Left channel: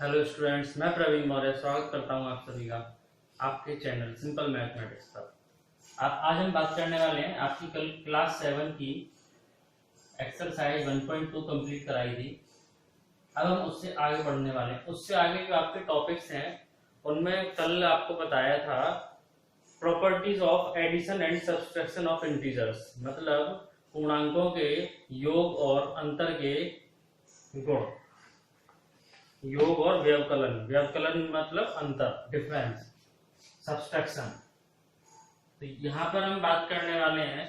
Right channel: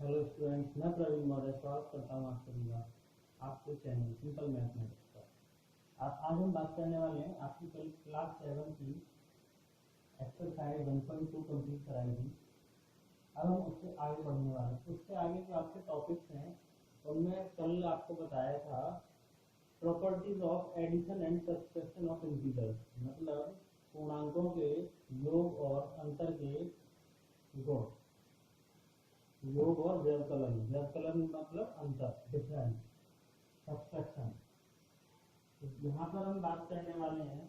Hello students, मैं प्रवीण मौर्य स्वागत करता हूं आप सभी का आपके चैनल सिंपल मैथमेटिक्स पर। आज हम बात करने वाले हैं आपकी कल क्लास 7 की एक्सरसाइज 1.2 कंप्लीट कराई थी। अब हम उससे आगे बढ़ने वाले हैं। उससे आगे जो आपके टॉपिक्स हैं उनमें कल आपको बताया था properties of addition and subtraction of integers, मतलब पूर्णांकों के योग और अंतर के गुण। योग और व्यवकलन, व्यवकलन मतलब अंतर, डिफरेंस। सब्सट्रैक्शन, तो यहां पर हम बात करने वाले हैं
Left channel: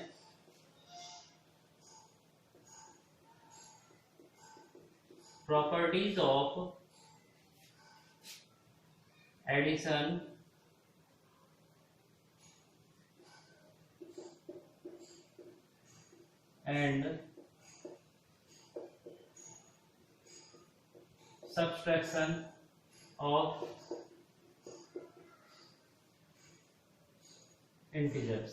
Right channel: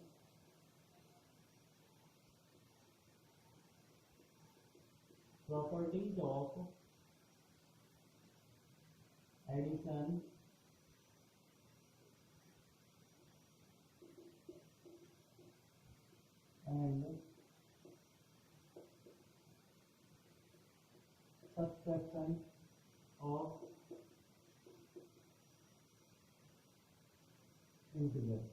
properties of addition and subtraction of integers.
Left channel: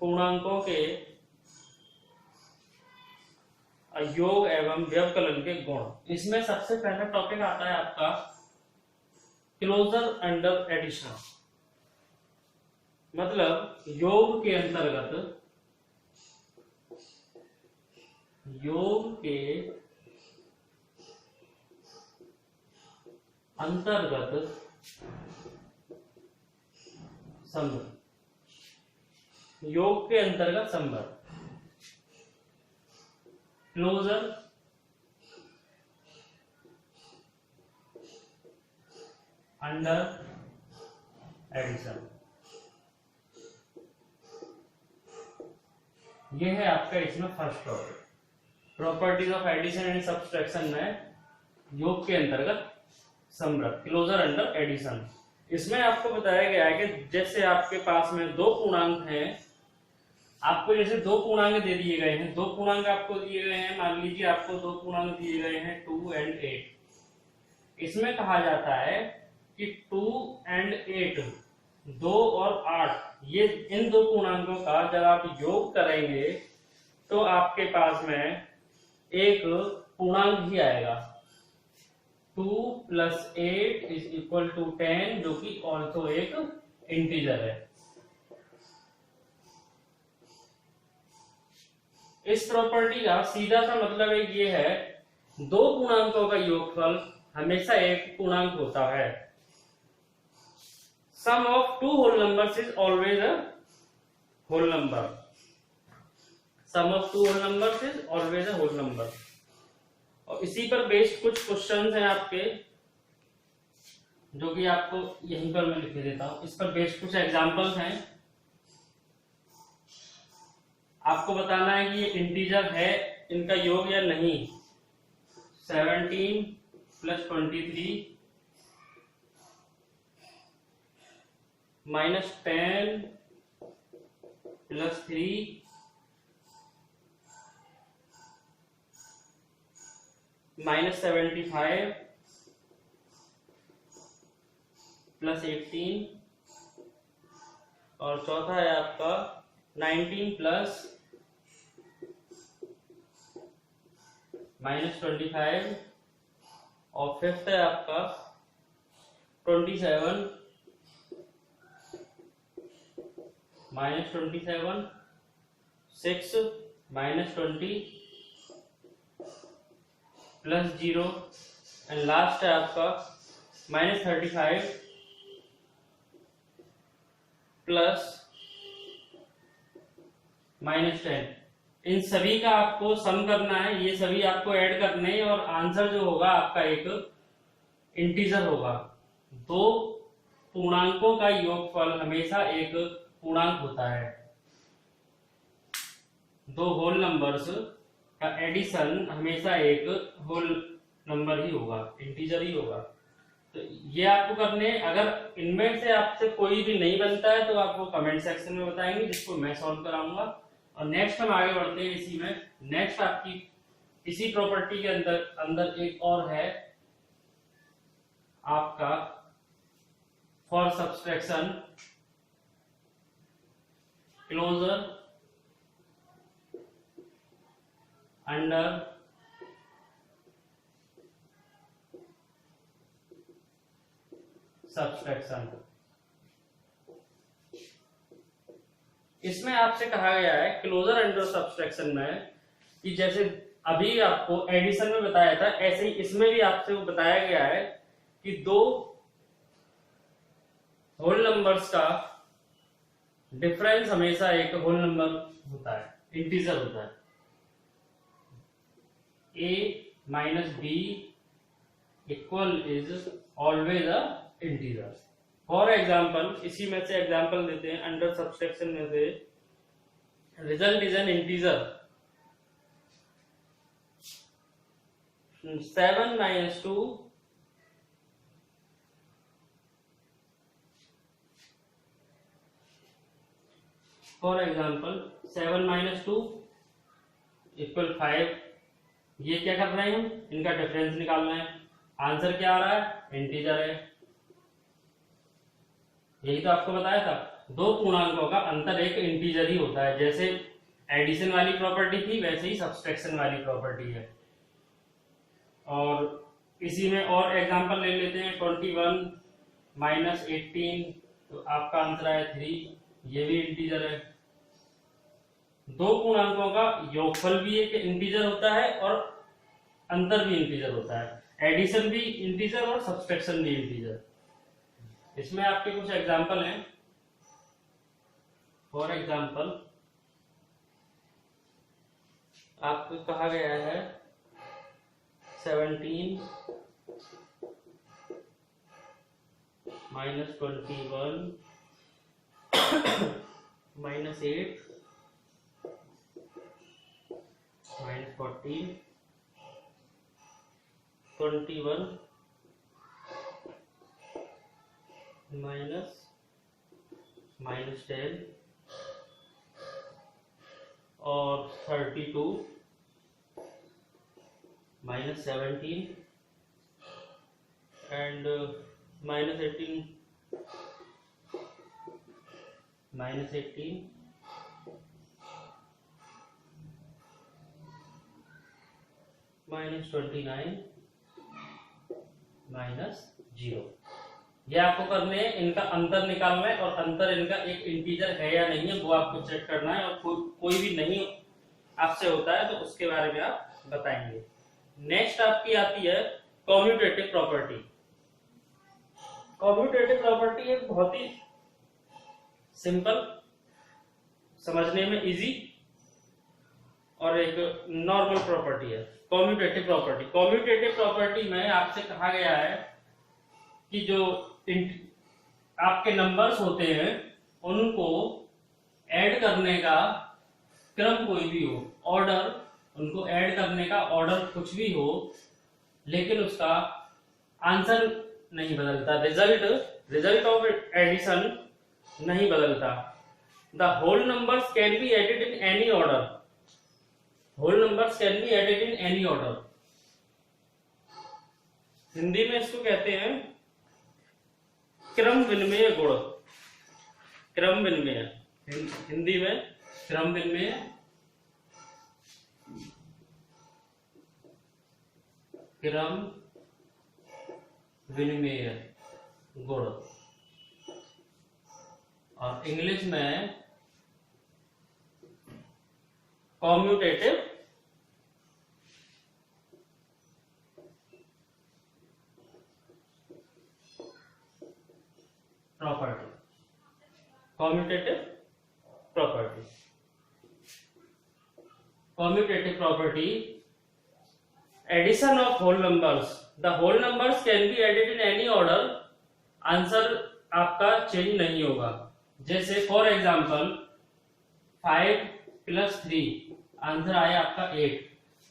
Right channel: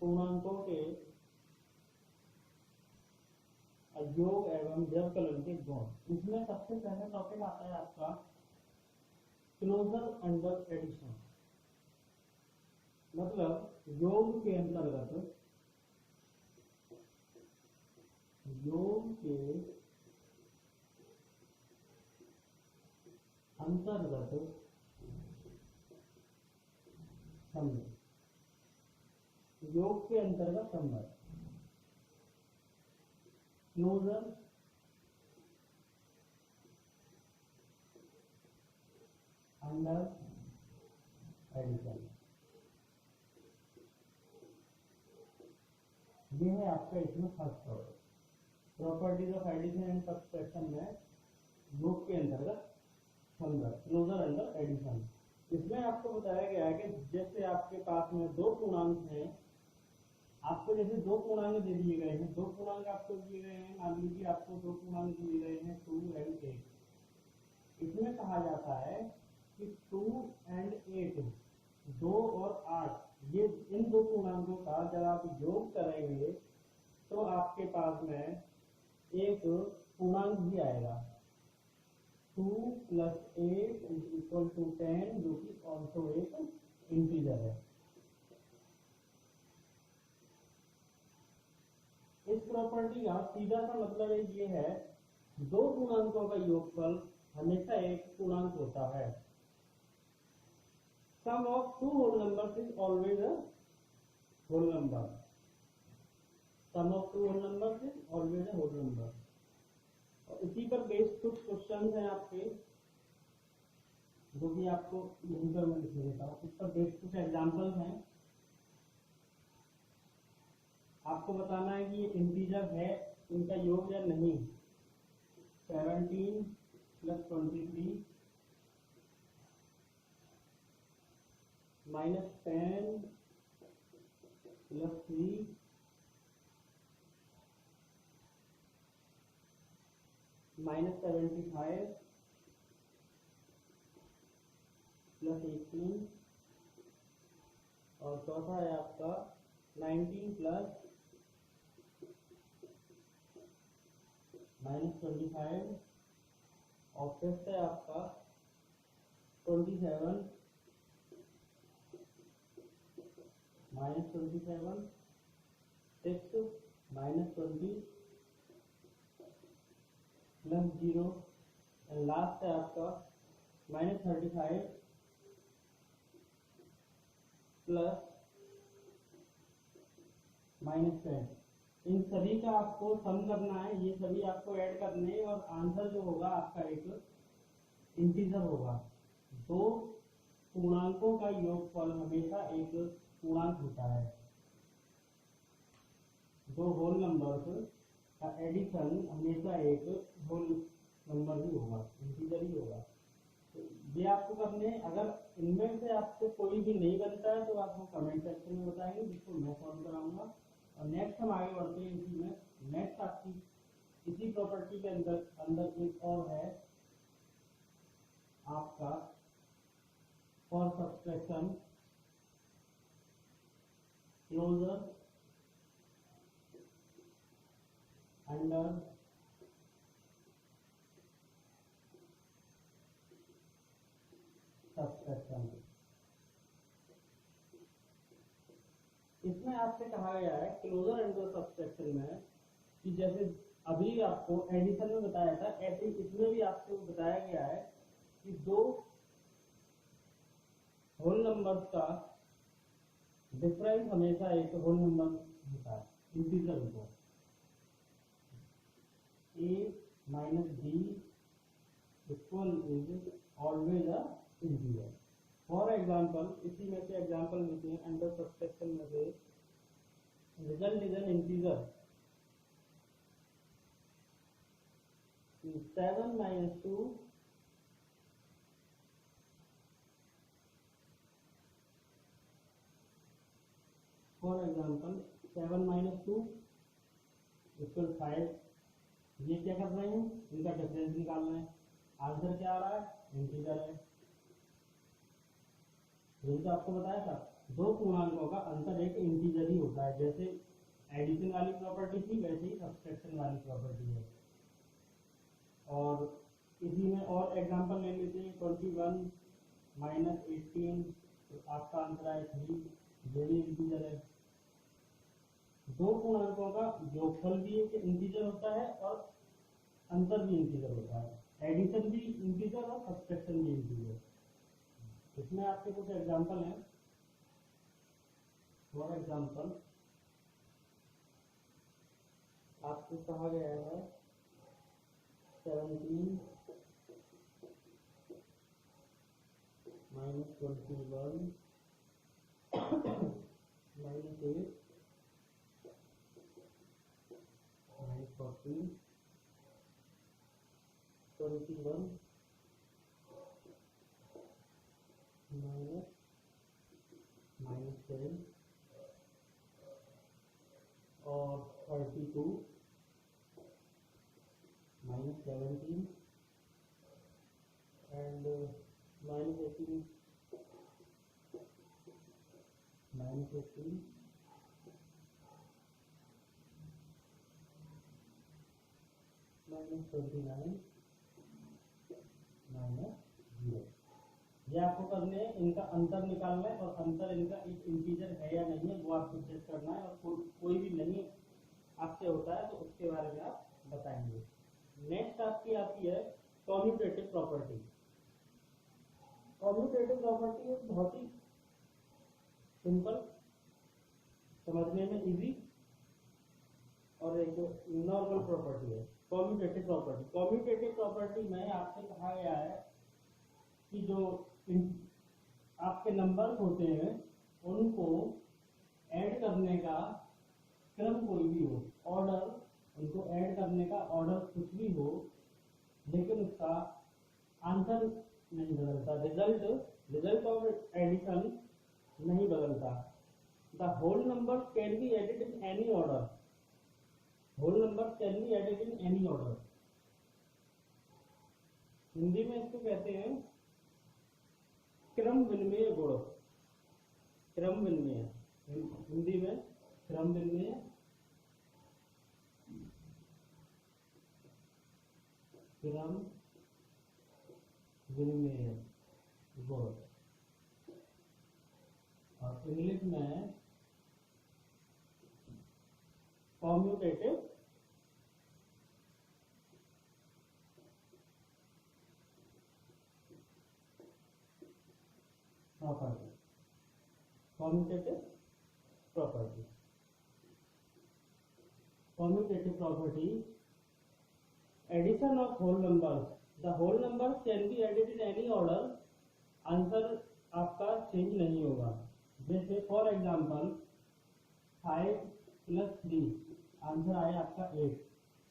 पूर्णांकों के योग एवं व्यवकलन के गुण। इसमें सबसे पहला टॉपिक आता है आपका क्लोजर अंडर एडिशन, मतलब योग के अंतर्गत, योग के अंतर्गत संबंध, योग के अंतर्गत संबंध, क्लोजर अंडर एडिशन। ये है आपका इसमें first topic, properties of addition and subtraction में योग के अंतर्गत संबंध, क्लोजर अंडर एडिशन। इसमें आपको बताया गया है कि जैसे आपके पास में दो पूर्णांक हैं, आपको जैसे दो पूर्णांक दे दिए गए हैं, दो पूर्णांक आपको दिए गए हैं, मान लीजिए आपको दो पूर्णांक दिए गए हैं 2 एंड 8। इसमें कहा जाता है कि 2 एंड 8, 2 और 8, ये इन दो पूर्णांकों का जब आप योग करेंगे तो आपके पास में एक पूर्णांक भी आएगा, 2 + 8 = 10, जो कि ऑल्सो एक इंटीजर है। इस प्रॉपर्टी का सीधा सा मतलब एक ये है, दो पूर्णांकों का योगफल हमेशा एक पूर्णांक होता है। Sum of two whole numbers is always a whole number. Sum of two whole numbers is always a whole number. और इसी पर बेस्ड कुछ क्वेश्चंस हैं आपके, जो कि आपको यहीं पर मैं लिख देता हूं। इस पर बेस्ड कुछ एग्जांपल्स हैं। आपको बताना है कि ये इंटीजर है, इनका योग या नहीं। 17 + 23 -10 + 3 -75 + 18, और चौथा है आपका 19 + -25, और फिफ्थ है आपका 27 -27, 6 -20 + 0, एंड लास्ट है आपका -35 + -10। इन सभी का आपको सम करना है, ये सभी आपको ऐड करने हैं, और आंसर जो होगा आपका एक इंटीजर होगा। दो पूर्णांकों का योगफल हमेशा एक पूर्णांक होता है। दो होल नंबर्स का एडिशन हमेशा एक होल नंबर ही होगा, इंटीजर ही होगा। तो ये आपको करने, अगर इनमें से आपसे कोई भी नहीं बनता है तो आपको कमेंट सेक्शन में बताएंगे, जिसको मैं सॉल्व कराऊंगा। और नेक्स्ट हम आगे बढ़ते हैं इसी में। नेक्स्ट आपकी इसी प्रॉपर्टी के अंदर अंदर एक और है आपका for subtraction closure under subtraction. इसमें आपसे कहा गया है क्लोजर अंडर सब्सट्रैक्शन में कि जैसे अभी आपको एडिशन में बताया था, ऐसे ही इसमें भी आपसे बताया गया है कि दो होल नंबर्स का डिफरेंस हमेशा एक होल नंबर होता है, इंटीजर होता है। a minus B equal is always a integer. For example, इसी में से एग्जाम्पल देते हैं, अंडर सब्सट्रैक्शन में से result is an integer 7 minus 2 for example 7 minus 2 equal 5। ये क्या कर रहे हैं हम, इनका डिफरेंस निकाल रहे हैं। आंसर क्या आ रहा है, इंटीजर है। यही तो आपको बताया था, दो पूर्णांकों का अंतर एक इंटीजर ही होता है। जैसे एडिशन वाली प्रॉपर्टी थी, वैसे ही सब्सट्रैक्शन वाली प्रॉपर्टी है। और इसी में और एग्जांपल ले लेते हैं, 21 माइनस 18, तो आपका आंसर आया 3, ये भी इंटीजर है। दो पूर्णांकों का योगफल भी एक इंटीजर होता है और अंतर भी इंटीजर होता है। एडिशन भी इंटीजर और सब्सट्रैक्शन भी इंटीजर। इसमें आपके कुछ एग्जांपल हैं। फॉर एग्जांपल, आपको कहा गया है 17 माइनस 21 माइनस 8 माइनस 14 21 माइनस 10 और 32 minus 17 and minus 18 minus 18 minus 29 minus 0। ये आपको करने हैं, इनका अंतर निकालना है और अंतर इनका एक इंटीजर है या नहीं है वो आपको चेक करना है। और कोई भी नहीं आपसे होता है तो उसके बारे में आप बताएंगे। नेक्स्ट आपकी आती है कम्यूटेटिव प्रॉपर्टी। कम्यूटेटिव प्रॉपर्टी एक बहुत ही सिंपल, समझने में इजी और एक नॉर्मल प्रॉपर्टी है। कम्यूटेटिव प्रॉपर्टी, कम्यूटेटिव प्रॉपर्टी में आपसे कहा गया है कि जो आपके नंबर्स होते हैं उनको ऐड करने का क्रम कोई भी हो, ऑर्डर, उनको ऐड करने का ऑर्डर कुछ भी हो, लेकिन उसका आंसर नहीं बदलता, रिजल्ट ऑफ एडिशन नहीं बदलता। The whole numbers can be added in any order, whole numbers can be added in any order. Hindi में इसको कहते हैं क्रम विनिमय गुण। क्रम विनिमय, हिंदी में क्रम विनिमय, क्रम विनिमय गुण, और इंग्लिश में commutative property. Commutative property, commutative property, addition of whole numbers, the whole numbers can be added in any order, answer आपका चेंज नहीं होगा। जैसे फॉर एग्जांपल 5 प्लस 3, आंसर आया आपका 8।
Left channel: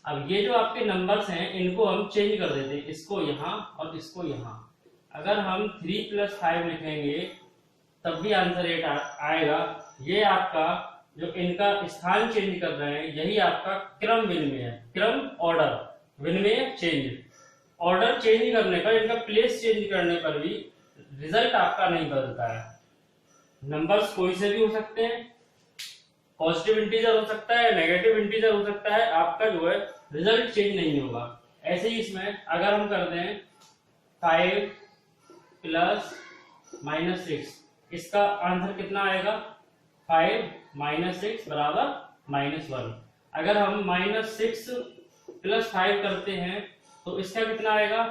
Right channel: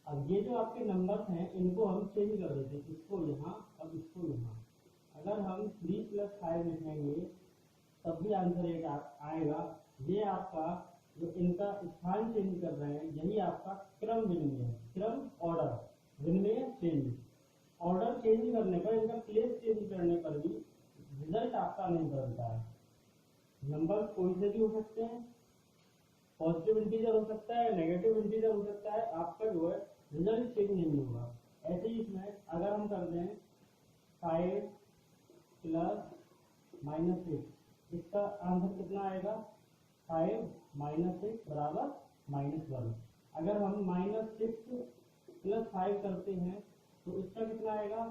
अब ये जो आपके नंबर्स हैं इनको हम चेंज कर देते हैं, इसको यहाँ और इसको यहाँ। अगर हम 3 प्लस 5 लिखेंगे तब भी आंसर 8 आएगा। ये आपका जो इनका स्थान चेंज कर रहे हैं यही आपका क्रम विनिमय है। क्रम ऑर्डर, विनिमय चेंज। ऑर्डर चेंज करने पर, इनका प्लेस चेंज करने पर भी रिजल्ट आपका नहीं बदलता है। नंबर्स कोई से भी हो सकते हैं, पॉजिटिव इंटीजर हो सकता है, नेगेटिव इंटीजर हो सकता है, आपका जो है रिजल्ट चेंज नहीं होगा। ऐसे ही इसमें अगर हम कर दें 5 प्लस -6, इसका आंसर कितना आएगा 5 -6 बराबर -1। अगर हम -6 + 5 करते हैं तो इसका कितना आएगा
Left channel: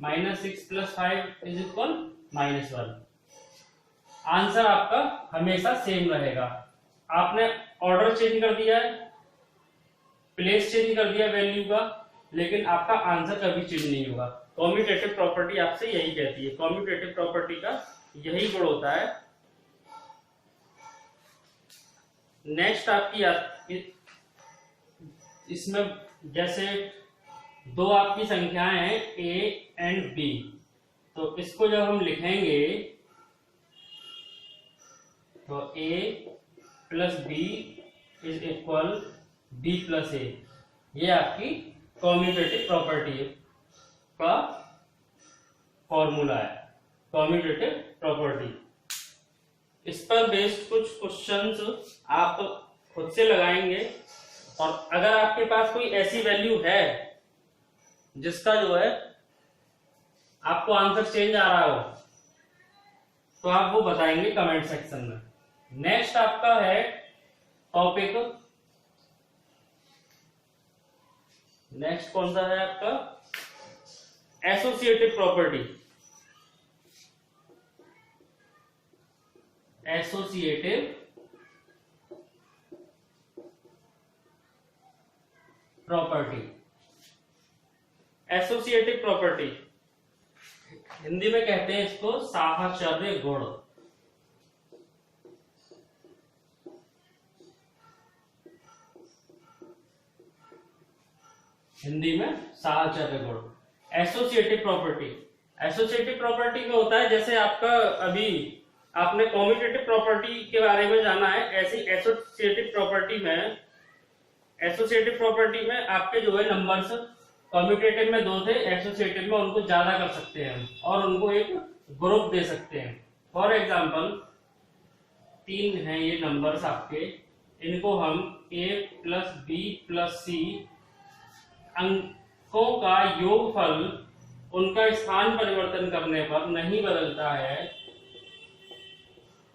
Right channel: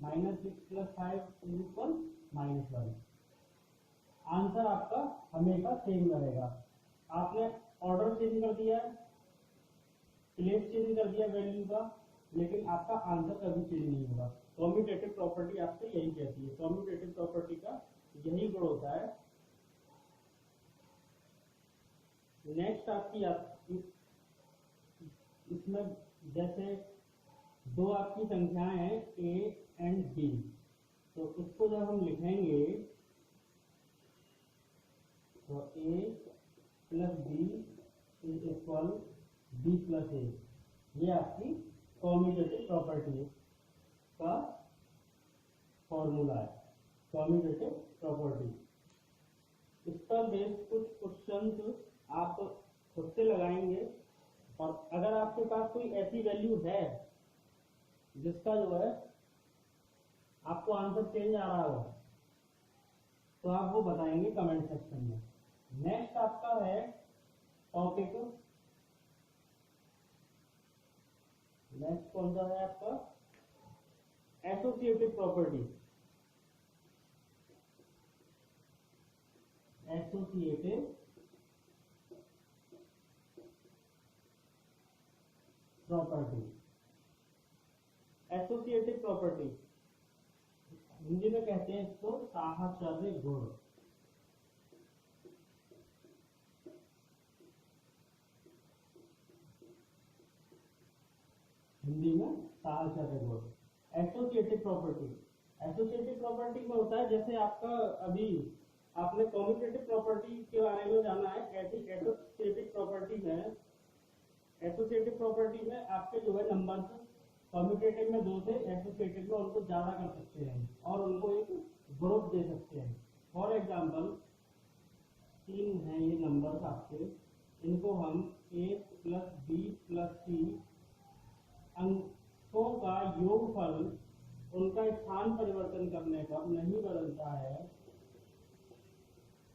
-6 + 5 = -1। आंसर आपका हमेशा सेम रहेगा। आपने ऑर्डर चेंज कर दिया है, प्लेस चेंज कर दिया वैल्यू का, लेकिन आपका आंसर कभी चेंज नहीं होगा। कॉम्यूटेटिव प्रॉपर्टी आपसे यही कहती है, कॉम्यूटेटिव प्रॉपर्टी का यही गुण होता है। नेक्स्ट आपकी इसमें जैसे दो आपकी संख्याएं हैं a एंड b, तो इसको जब हम लिखेंगे तो a + b = b + a, ये आपकी कॉम्यूटेटिव प्रॉपर्टी का फॉर्मूला है, कॉम्यूटेटिव प्रॉपर्टी। इस पर बेस्ड कुछ क्वेश्चंस आप खुद से लगाएंगे, और अगर आपके पास कोई ऐसी वैल्यू है जिसका जो है आपको आंसर चेंज आ रहा हो तो आप वो बताएंगे कमेंट सेक्शन में। नेक्स्ट आपका है टॉपिक, नेक्स्ट कौन सा है आपका associative property. Associative property, associative property Hindi में कहते हैं इसको साहचर्य गुण। हिंदी में साहचर्य गुण, एसोसिएटिव प्रॉपर्टी। एसोसिएटिव प्रॉपर्टी में होता है जैसे आपका अभी आपने कॉम्यूटेटिव प्रॉपर्टी के बारे में जाना है, ऐसी एसोसिएटिव प्रॉपर्टी में आपके जो है नंबर्स कॉम्यूटेटिव में 2 थे, एसोसिएटिव में उनको ज्यादा कर सकते हैं और उनको एक ग्रुप दे सकते हैं। फॉर एग्जांपल 3 हैं ये नंबर्स आपके, इनको हम a + b + c अंकों का योगफल उनका स्थान परिवर्तन करने पर नहीं बदलता है।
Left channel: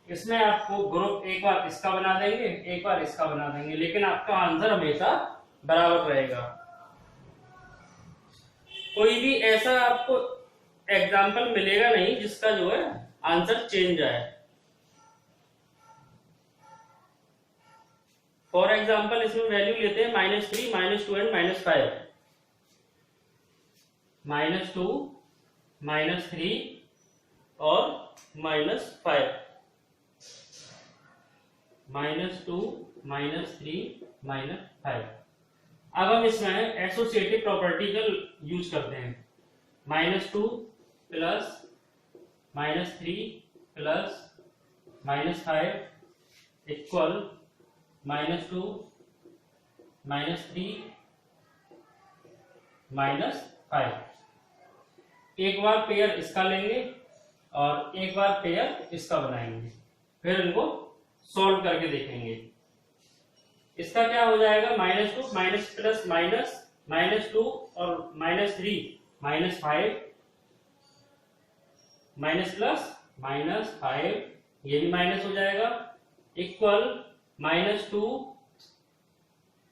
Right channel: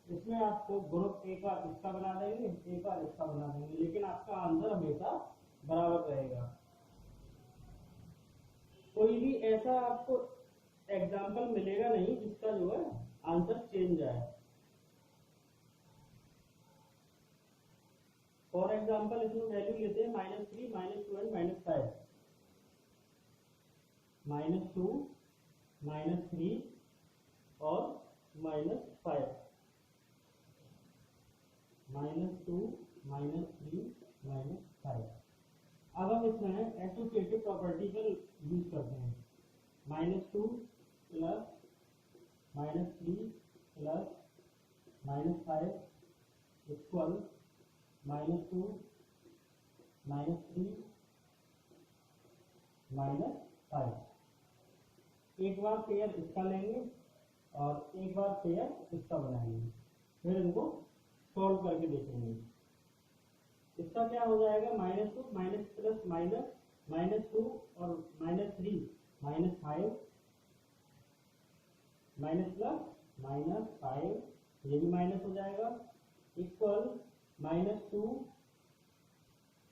इसमें आपको ग्रुप एक बार इसका बना देंगे, एक बार इसका बना देंगे, लेकिन आपका आंसर हमेशा बराबर रहेगा। कोई भी ऐसा आपको एग्जाम्पल मिलेगा नहीं जिसका जो है आंसर चेंज आए। फॉर एग्जाम्पल इसमें वैल्यू लेते हैं -3, -2 एंड -5। -2, -3 और -5, -2, -3, -5। अब हम इसमें एसोसिएटिव प्रॉपर्टी का यूज करते हैं। -2 + -3 + -5 = -2, -3, -5। एक बार पेयर इसका लेंगे और एक बार पेयर इसका बनाएंगे, फिर इनको सॉल्व करके देखेंगे। इसका क्या हो जाएगा -2 माइनस प्लस माइनस -2 और -3 -5 माइनस प्लस -5, ये भी माइनस हो जाएगा, equal -2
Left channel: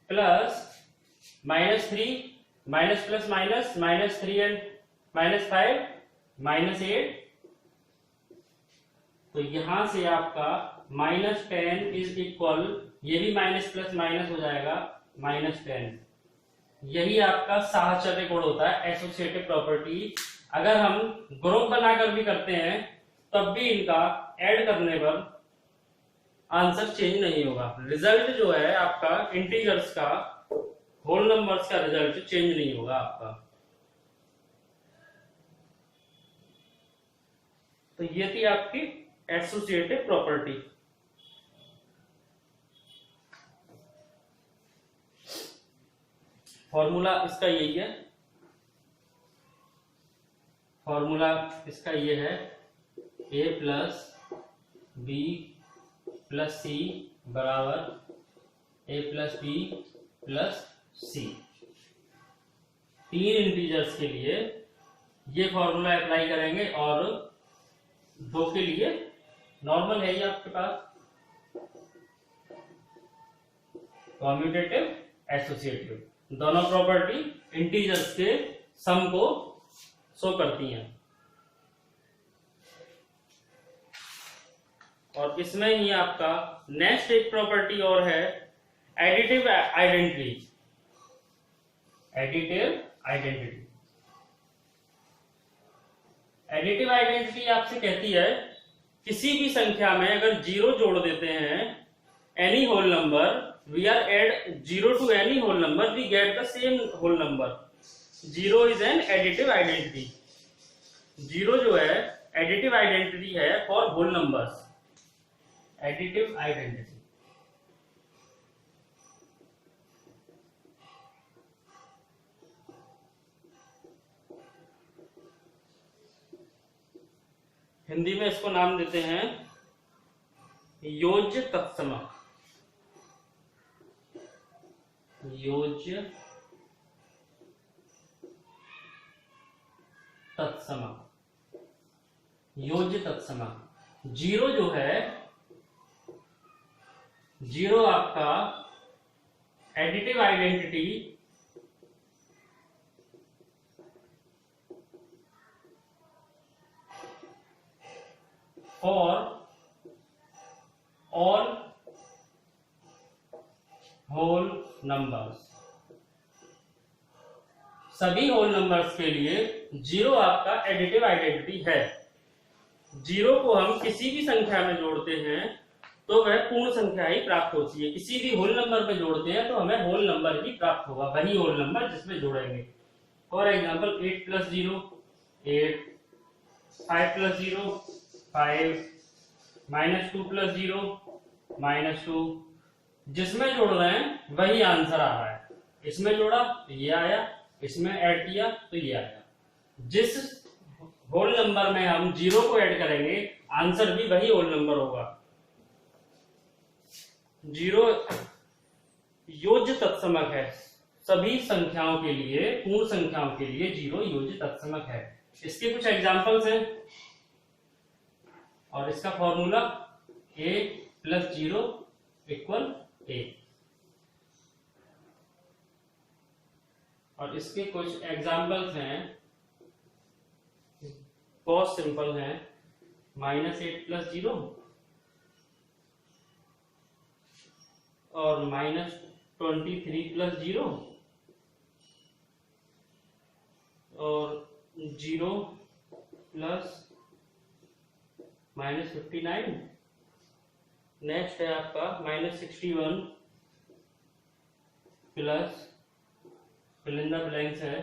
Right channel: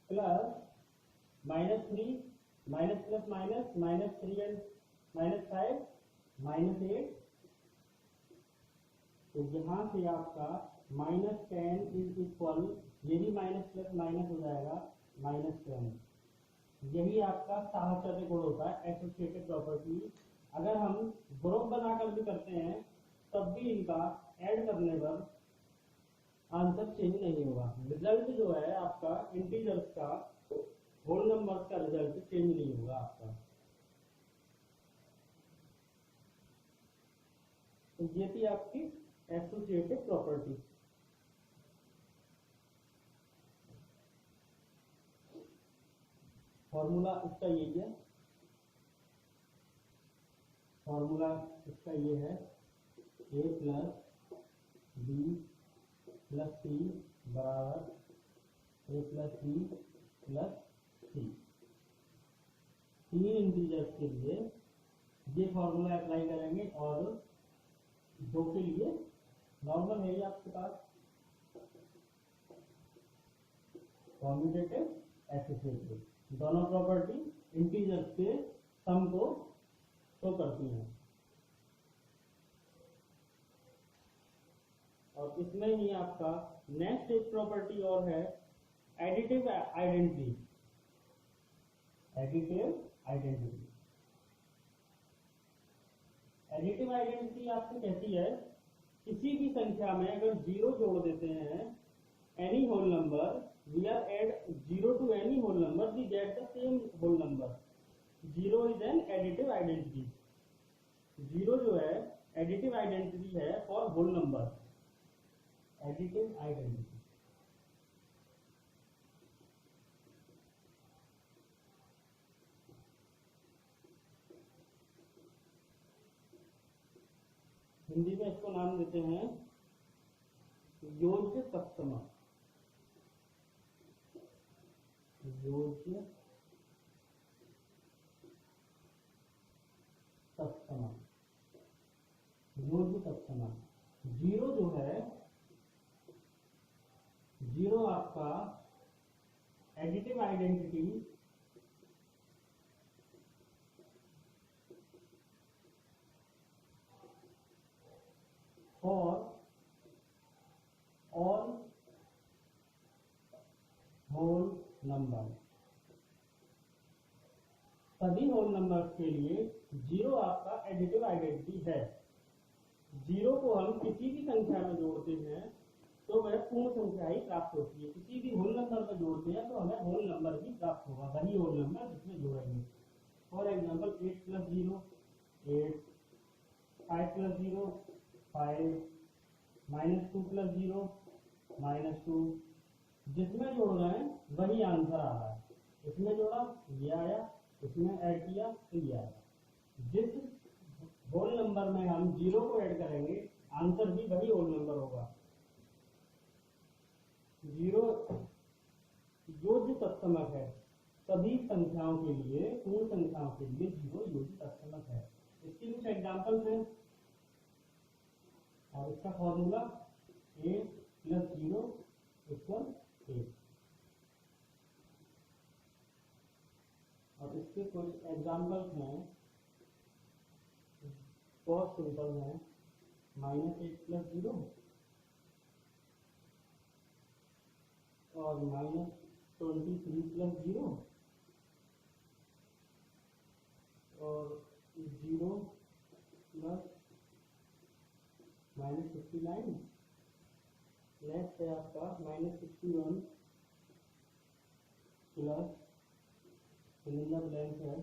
plus -3 minus plus minus -3 and -5 -8। तो यहां से आपका -10 इज इक्वल, ये भी माइनस प्लस माइनस हो जाएगा -10। यही आपका साहचर्य गुण होता है, एसोसिएटिव प्रॉपर्टी। अगर हम ग्रुप बनाकर भी करते हैं तब भी इनका ऐड करने पर आंसर चेंज नहीं होगा। रिजल्ट जो है आपका इंटीजर्स का, होल नंबर्स का रिजल्ट चेंज नहीं होगा आपका। तो ये थी आपकी एसोसिएटिव प्रॉपर्टी। फॉर्मूला इसका यही है, फॉर्मूला इसका ये है a + b + c बराबर a + b + c। 3 इंटीजर्स के लिए ये फॉर्मूला अप्लाई करेंगे और 2 के लिए नॉर्मल है ये आपके पास, कॉम्यूटेटिव एसोसिएटिव, दोनों प्रॉपर्टी इंटीजर्स के सम को शो करती हैं। और इसमें ही आपका नेक्स्ट एक प्रॉपर्टी और है एडिटिव आइडेंटिटी। एडिटिव आइडेंटिटी आपसे कहती है किसी भी संख्या में अगर 0 जोड़ देते हैं, any whole number, we are add 0 to any whole number, we get the same whole number. 0 is an additive identity. 0 जो है एडिटिव आइडेंटिटी है for whole numbers. Additive identity Hindi में इसको नाम देते हैं योज्य तत्समक। योज्य तत्समक, योज्य तत्समक। 0 जो है, 0 आपका additive identity for all whole numbers. सभी होल नंबर्स के लिए 0 आपका एडिटिव आइडेंटिटी है। 0 को हम किसी भी संख्या में जोड़ते हैं तो वह पूर्ण संख्या ही प्राप्त होती है। किसी भी होल नंबर में जोड़ते हैं तो हमें होल नंबर ही प्राप्त होगा, वही होल नंबर जिसमें जोड़ेंगे। For example 8 + 0 8, 5 + 0 5, -2 + 0 -2। जिसमें जोड़ रहे हैं वही आंसर आ रहा है। इसमें जोड़ा तो ये आया, इसमें ऐड किया तो ये आया। जिस होल नंबर में हम 0 को ऐड करेंगे आंसर भी वही होल नंबर होगा। 0 योज्य तत्समक है। सभी संख्याओं के लिए, पूर्ण संख्याओं के लिए 0 योज्य तत्समक है। इसके कुछ एग्जांपल्स हैं और इसका फॉर्मूला a + 0 = a। और इसके कुछ एग्जांपल्स हैं, बहुत सिंपल हैं। -8 + 0 और -23 + 0 और 0 + -59। नेक्स्ट है आपका -61 plus fill in the blanks है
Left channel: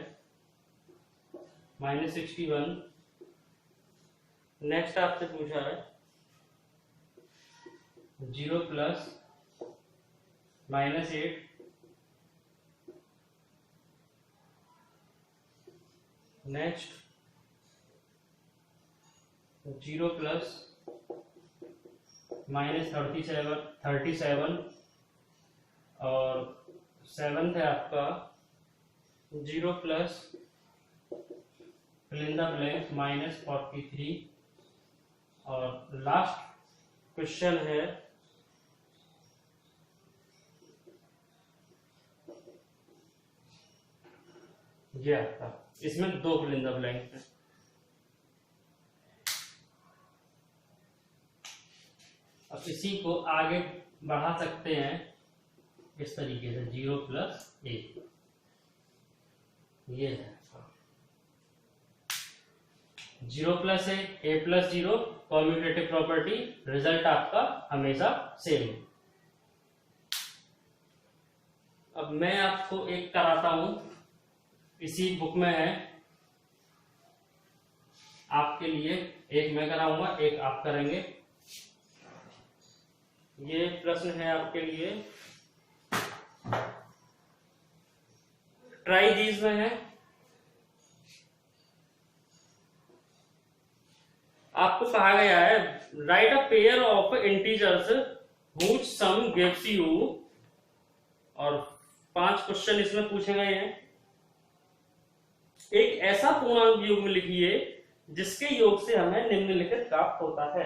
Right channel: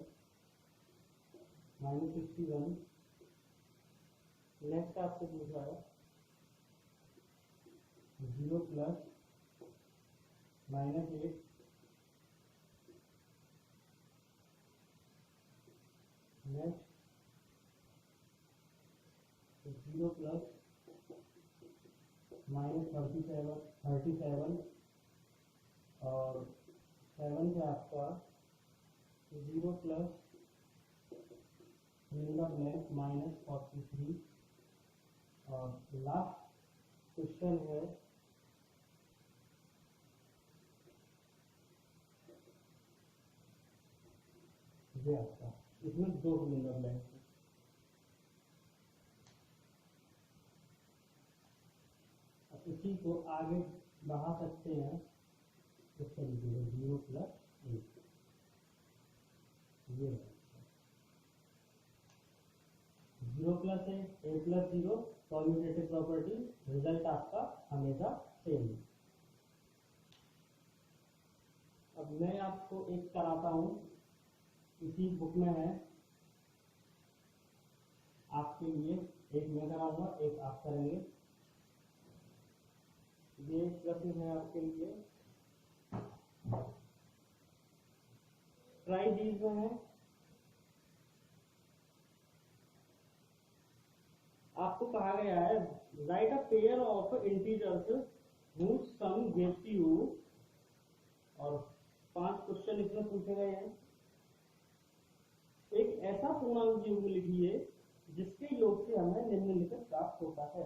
-61। नेक्स्ट आपसे पूछा है 0 + -8। नेक्स्ट 0 + -37 और 7th है आपका 0 + फिल इन द ब्लैंक -43। और लास्ट क्वेश्चन है ये आपका, इसमें 2 फिल इन द ब्लैंक है। अब इसी को आगे बढ़ा सकते हैं इस तरीके से 0 + 1। ये है 0 + a + 0 कॉम्यूटेटिव प्रॉपर्टी, रिजल्ट आपका हमेशा सेम। अब मैं आपको एक कराता हूं, इसी बुक में है आपके लिए। एक मैं कराऊंगा, एक आप करेंगे। ये प्रश्न है आपके लिए, ट्राई दीज में है। आपको कहा गया है write a pair of integers which sum gives you, और 5 क्वेश्चन इसमें पूछे गए हैं। एक ऐसा पूर्णांक युग्म लिखिए जिसके योग से हमें निम्नलिखित प्राप्त होता है।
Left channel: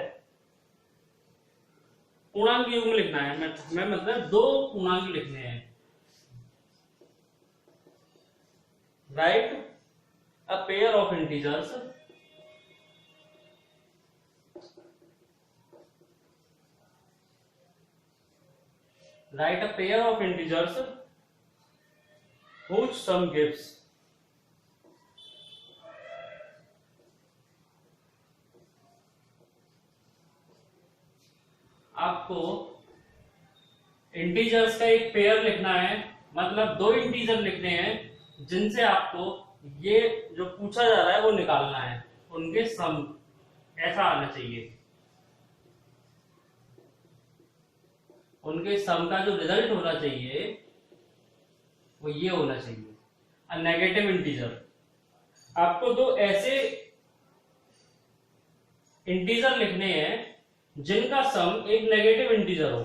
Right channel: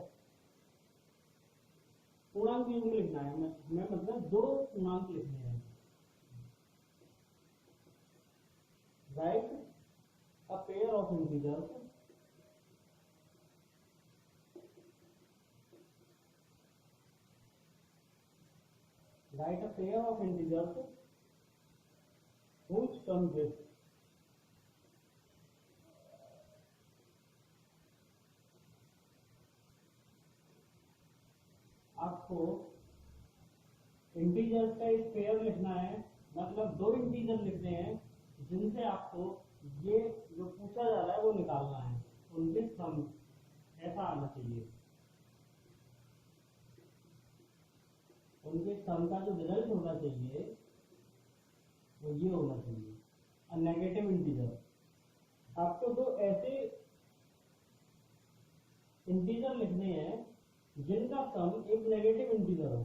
पूर्णांक युग्म लिखना है, हमें मतलब दो पूर्णांक लिखने हैं। Right a pair of integers whose sum gives आपको इंटीजर्स का एक पेयर लिखना है, मतलब दो इंटीजर लिखने हैं जिनसे आपको ये जो पूछा जा रहा है वो निकालना है, उनके सम ऐसा आना चाहिए। उनके सम का जो रिजल्ट होना चाहिए वो ये होना चाहिए, अ नेगेटिव इंटीजर। आपको दो ऐसे इंटीजर लिखने हैं जिनका सम एक नेगेटिव इंटीजर हो,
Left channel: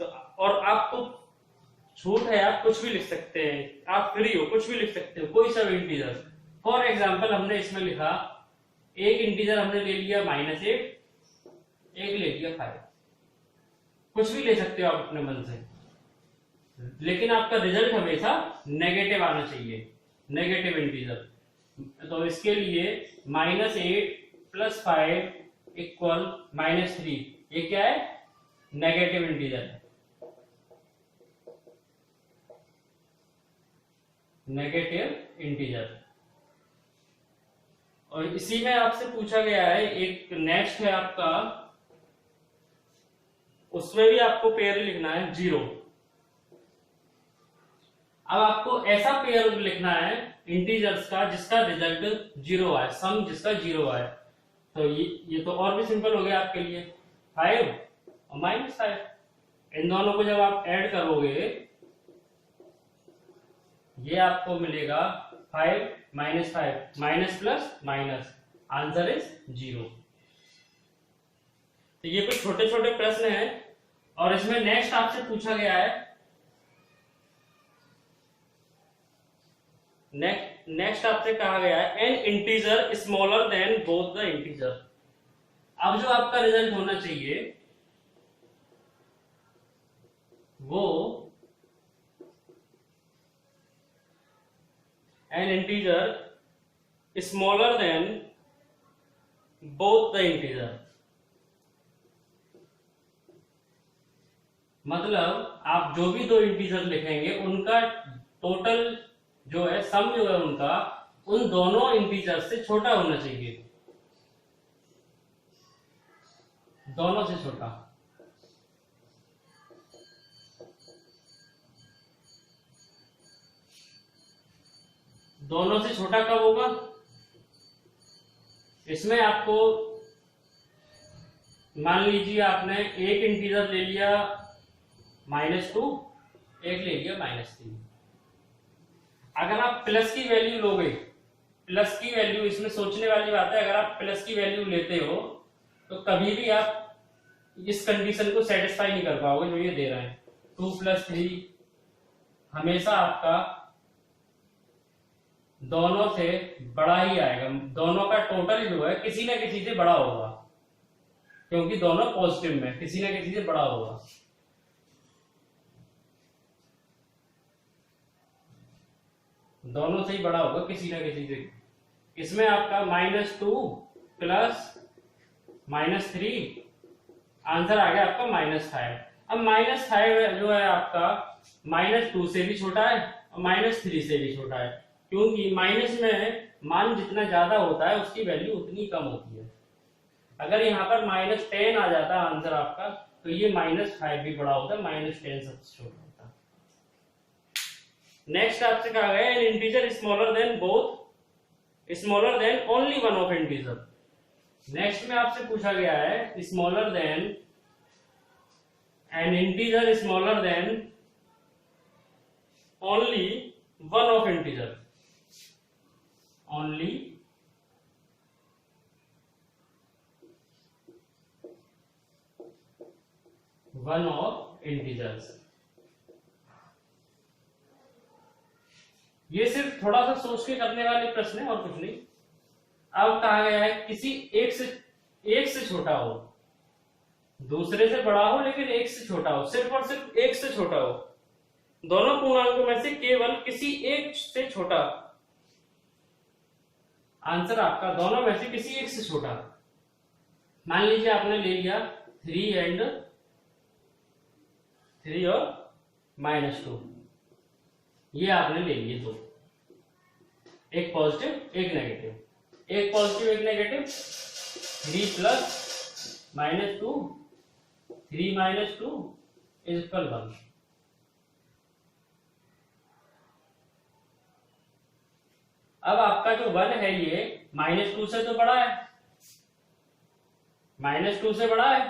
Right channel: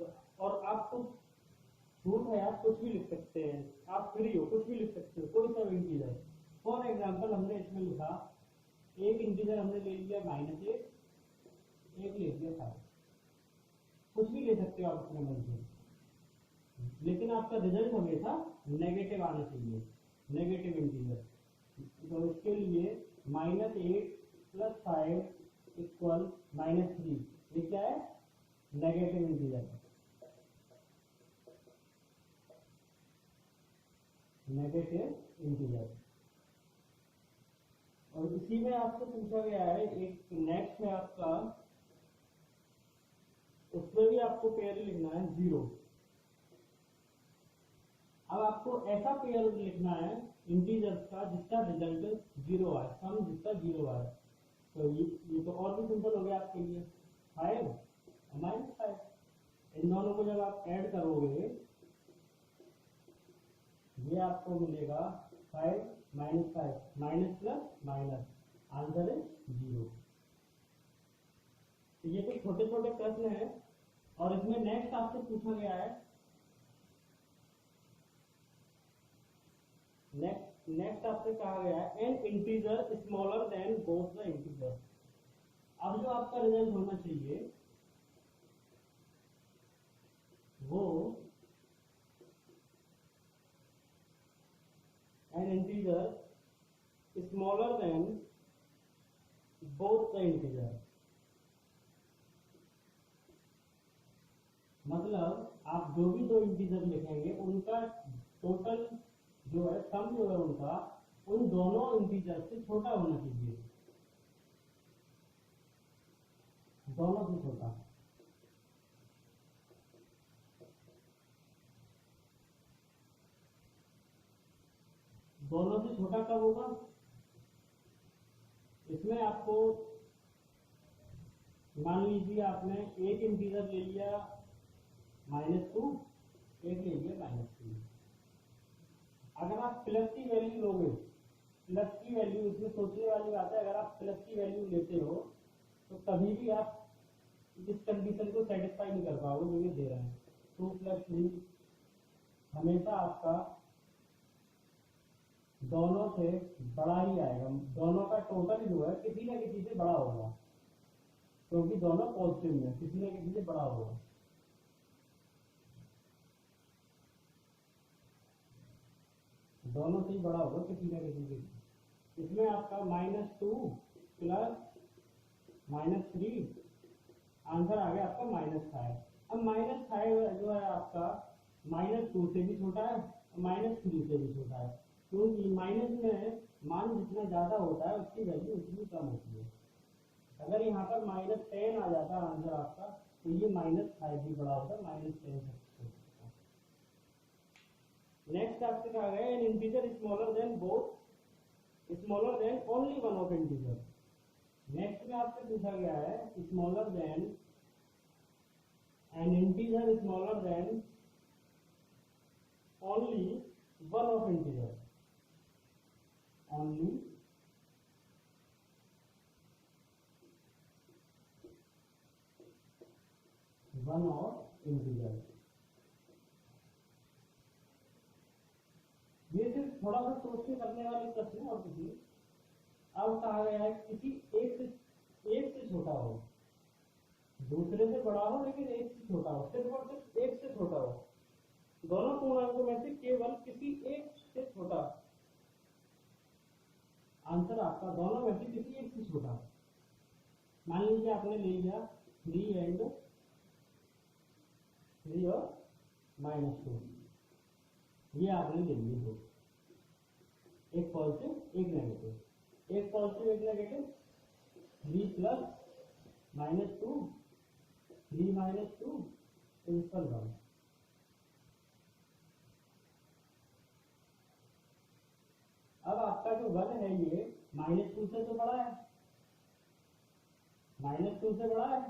तो और आपको छूट है, आप कुछ भी लिख सकते हैं, आप फ्री हो, कुछ भी लिख सकते हो, कोई सा भी इंटीजर। फॉर एग्जांपल हमने इसमें लिखा, एक इंटीजर हमने ले लिया -8, एक ले लिया 5, कुछ भी ले सकते हो आप अपने मन से, लेकिन आपका रिजल्ट हमेशा नेगेटिव आना चाहिए, नेगेटिव इंटीजर। तो इसके लिए -8 + 5 = -3, ये क्या है, नेगेटिव इंटीजर है, नेगेटिव इंटीजर। और इसी में आपसे पूछा गया है, एक नेक्स्ट है आपका, उसमें भी आपको पेयर लिखना है 0। अब आपको ऐसा पेयर लिखना है इंटीजर्स का जिसका रिजल्ट 0 आए, सम जिसका 0 आए। तो ये तो और भी सिंपल हो गया आपके लिए, 5 और -5, इन दोनों को जब आप ऐड करोगे ये आपको मिलेगा 5 - 5, minus plus minus, answer is 0। तो ये कुछ छोटे छोटे प्रश्न हैं। और इसमें नेक्स्ट आपसे पूछा गया है, नेक्स्ट आपसे कहा गया है an integer smaller than both the integer. अब जो आपका रिजल्ट होना चाहिए वो N integer smaller than both the integer, मतलब आप जो भी दो इंटीजर लिखेंगे उनका टोटल जो है, सम जो है उनका, उन दोनों इंटीजर से छोटा होना चाहिए, दोनों से छोटा। दोनों से छोटा कब होगा, इसमें आपको मान लीजिए आपने एक इंटीजर ले लिया -2, एक ले लिया -3। अगर आप प्लस की वैल्यू लोगे, प्लस की वैल्यू, इसमें सोचने वाली बात है, अगर आप प्लस की वैल्यू लेते हो तो कभी भी आप इस कंडीशन को सेटिस्फाई नहीं कर पाओगे जो ये दे रहे हैं। 2 + 3 हमेशा आपका दोनों से बड़ा ही आएगा, दोनों का टोटल जो है किसी ना किसी से बड़ा होगा, क्योंकि दोनों पॉजिटिव में किसी ना किसी से बड़ा होगा। दोनों से ही बड़ा होगा किसी ना किसी से। इसमें आपका -2 + -3, आंसर आ गया आपका -5। अब -5 जो है आपका -2 से भी छोटा है और -3 से भी छोटा है, क्योंकि माइनस में मान जितना ज्यादा होता है उसकी वैल्यू उतनी कम होती है। अगर यहाँ पर -10 आ जाता आंसर आपका, तो ये -5 भी बड़ा होता है, -10 सबसे छोटा होता है। नेक्स्ट आपसे कहा गया N integer smaller than both, smaller than only one of integer. Next में आपसे पूछा गया है smaller than N integer smaller then only one of integer, only one of integers. ये सिर्फ थोड़ा सा सोच के करने वाले प्रश्न है और कुछ नहीं। अब कहा गया है किसी एक से छोटा हो, दूसरे से बड़ा हो लेकिन एक से छोटा हो, सिर्फ और सिर्फ एक से छोटा हो, दोनों पूर्णांकों में से केवल किसी एक से छोटा। आंसर आपका दोनों में से किसी एक से छोटा। मान लीजिए आपने ले लिया 3 और -2, ये आपने ले लिए दो, एक पॉजिटिव एक नेगेटिव, एक पॉजिटिव एक नेगेटिव, 3 प्लस -2, 3 - 2 इज 1। अब आपका जो 1 है ये -2 से तो बड़ा है, -2 से बड़ा है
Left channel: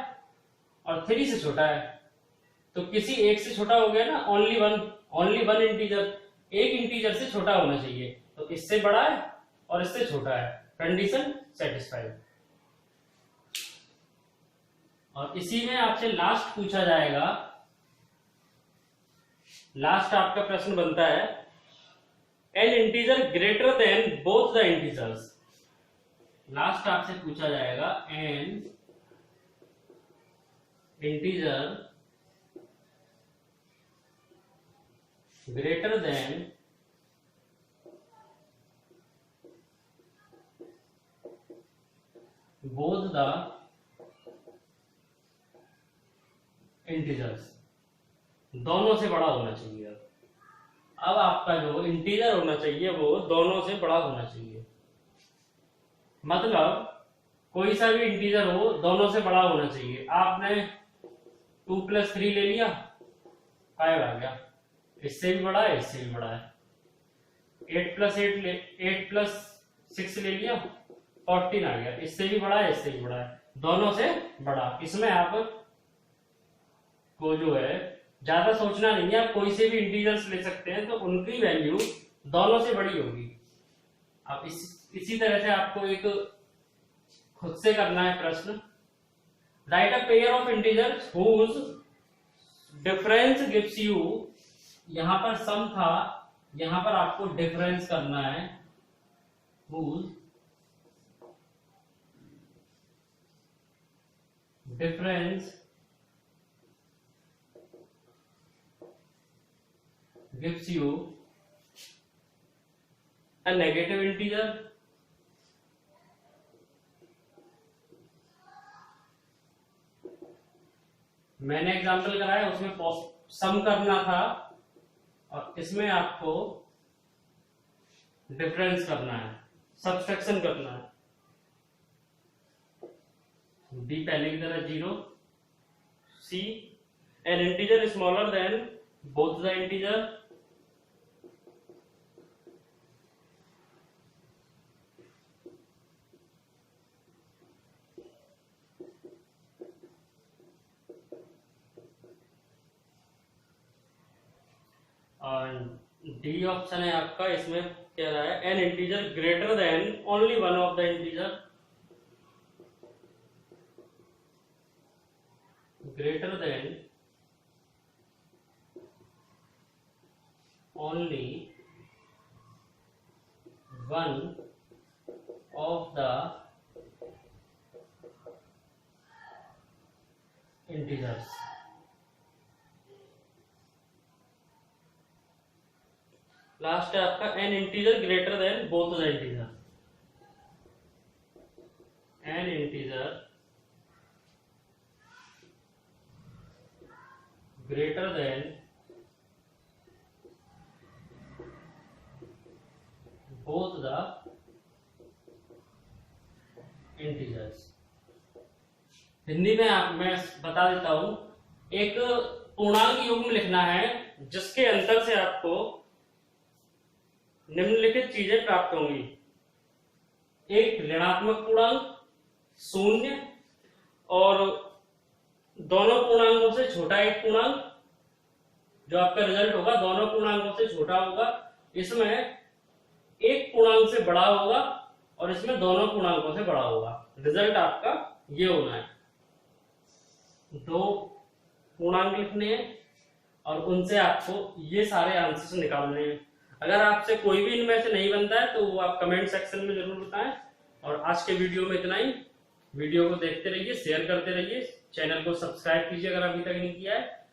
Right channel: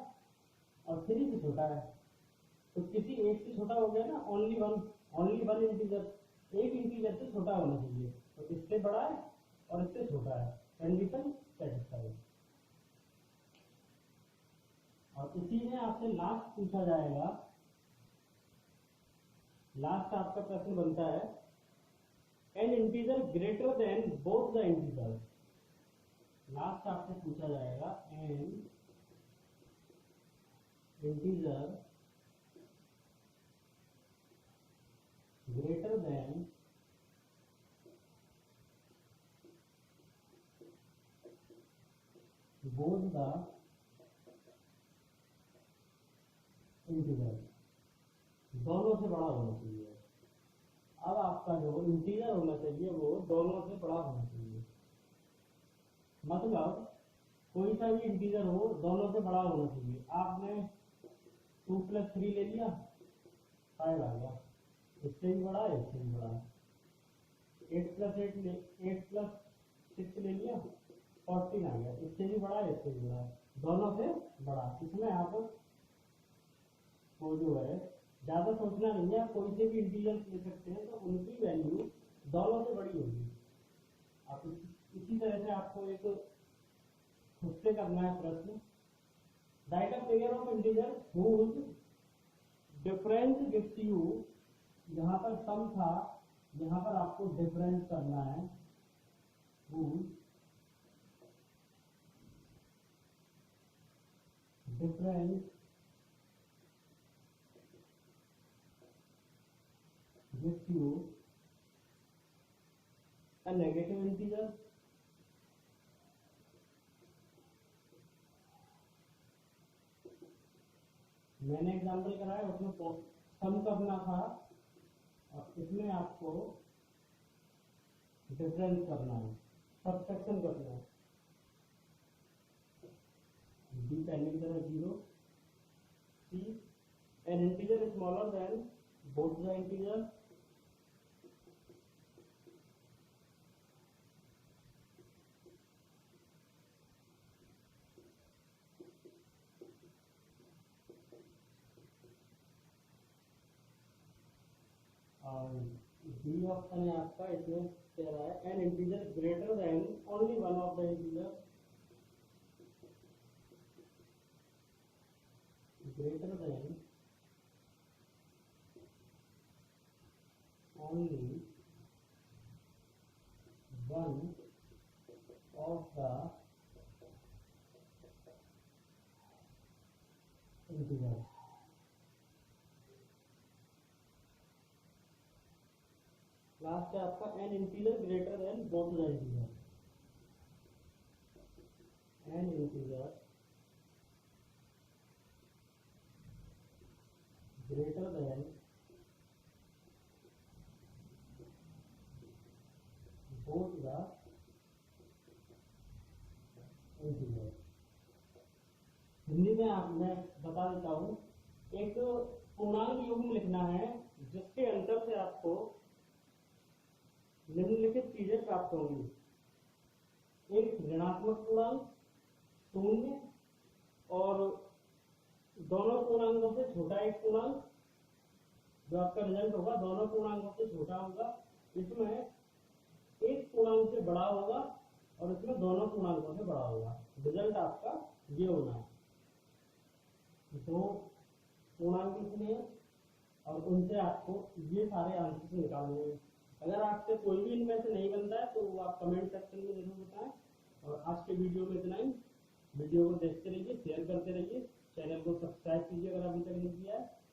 और 3 से छोटा है, तो किसी एक से छोटा हो गया ना, ओनली वन इंटीजर, एक इंटीजर से छोटा होना चाहिए, तो इससे बड़ा है और इससे छोटा है, कंडीशन सेटिस्फाइड। और इसी में आपसे लास्ट पूछा जाएगा, लास्ट आपका प्रश्न बनता है an integer greater than both the integers. Last आपसे पूछा जाएगा N integer greater than both the integers, दोनों से बड़ा होना चाहिए। अब आपका जो इंटीजर होना चाहिए वो दोनों से बड़ा होना चाहिए, मतलब कोई सा भी इंटीजर हो दोनों से बड़ा होना चाहिए। आपने 2 + 3 ले लिया, 5 आ गया, इससे भी बड़ा है इससे भी बड़ा है। 8 + 6 ले लिया, 14 आ गया, इससे भी बड़ा है इससे भी बड़ा है, दोनों से बड़ा। इसमें आप को जो है ज्यादा सोचना नहीं है, आप कोई से भी इंटीजर्स ले सकते हैं तो उनकी वैल्यू दोनों से बड़ी होगी। आप इसी तरह से आपको एक खुद से करना है प्रश्न, write a pair of integers whose difference gives you, यहां पर सम था, यहां पर आपको डिफरेंस करना है, whose difference gives you a negative integer, मैंने एग्जांपल कराया उसमें सम करना था और इसमें आपको डिफरेंस करना है, सब्सट्रैक्शन करना है। बी पहले की तरह 0, C an integer smaller than both the integer, और डी ऑप्शन है आपका, इसमें कह रहा है an integer greater than only one of the integer, greater than only one of the integers. Last है आपका an integer greater than both the integer, an integer greater than both the integers. Hindi में मैं बता देता हूं, एक पूर्णांक युग्म लिखना है जिसके अंतर से आपको निम्नलिखित चीजें प्राप्त होंगी, एक ऋणात्मक पूर्णांक, 0 और दोनों पूर्णांकों से छोटा एक पूर्णांक, जो आपका रिजल्ट होगा दोनों पूर्णांकों से छोटा होगा, इसमें एक पूर्णांक से बड़ा होगा और इसमें दोनों पूर्णांकों से बड़ा होगा। रिजल्ट आपका ये होना है, दो पूर्णांक लिखने हैं और उनसे आपको ये सारे आंसर्स निकालने हैं। अगर आपसे कोई भी इनमें से नहीं बनता है तो वो आप कमेंट सेक्शन में जरूर बताएं और आज के वीडियो में इतना ही। वीडियो को देखते रहिए, शेयर करते रहिए, चैनल को सब्सक्राइब कीजिए अगर अभी तक नहीं किया है,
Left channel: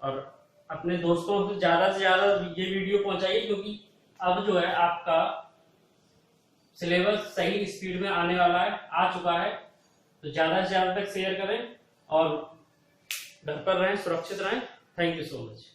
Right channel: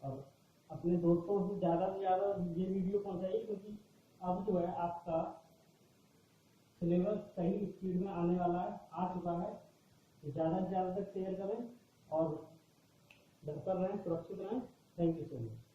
और अपने दोस्तों से ज्यादा ये वीडियो पहुंचाइए, क्योंकि अब जो है आपका सिलेबस सही स्पीड में आने वाला है, आ चुका है। तो ज्यादा से ज्यादा तक शेयर करें और घर पर रहें, सुरक्षित रहें। Thank you so much.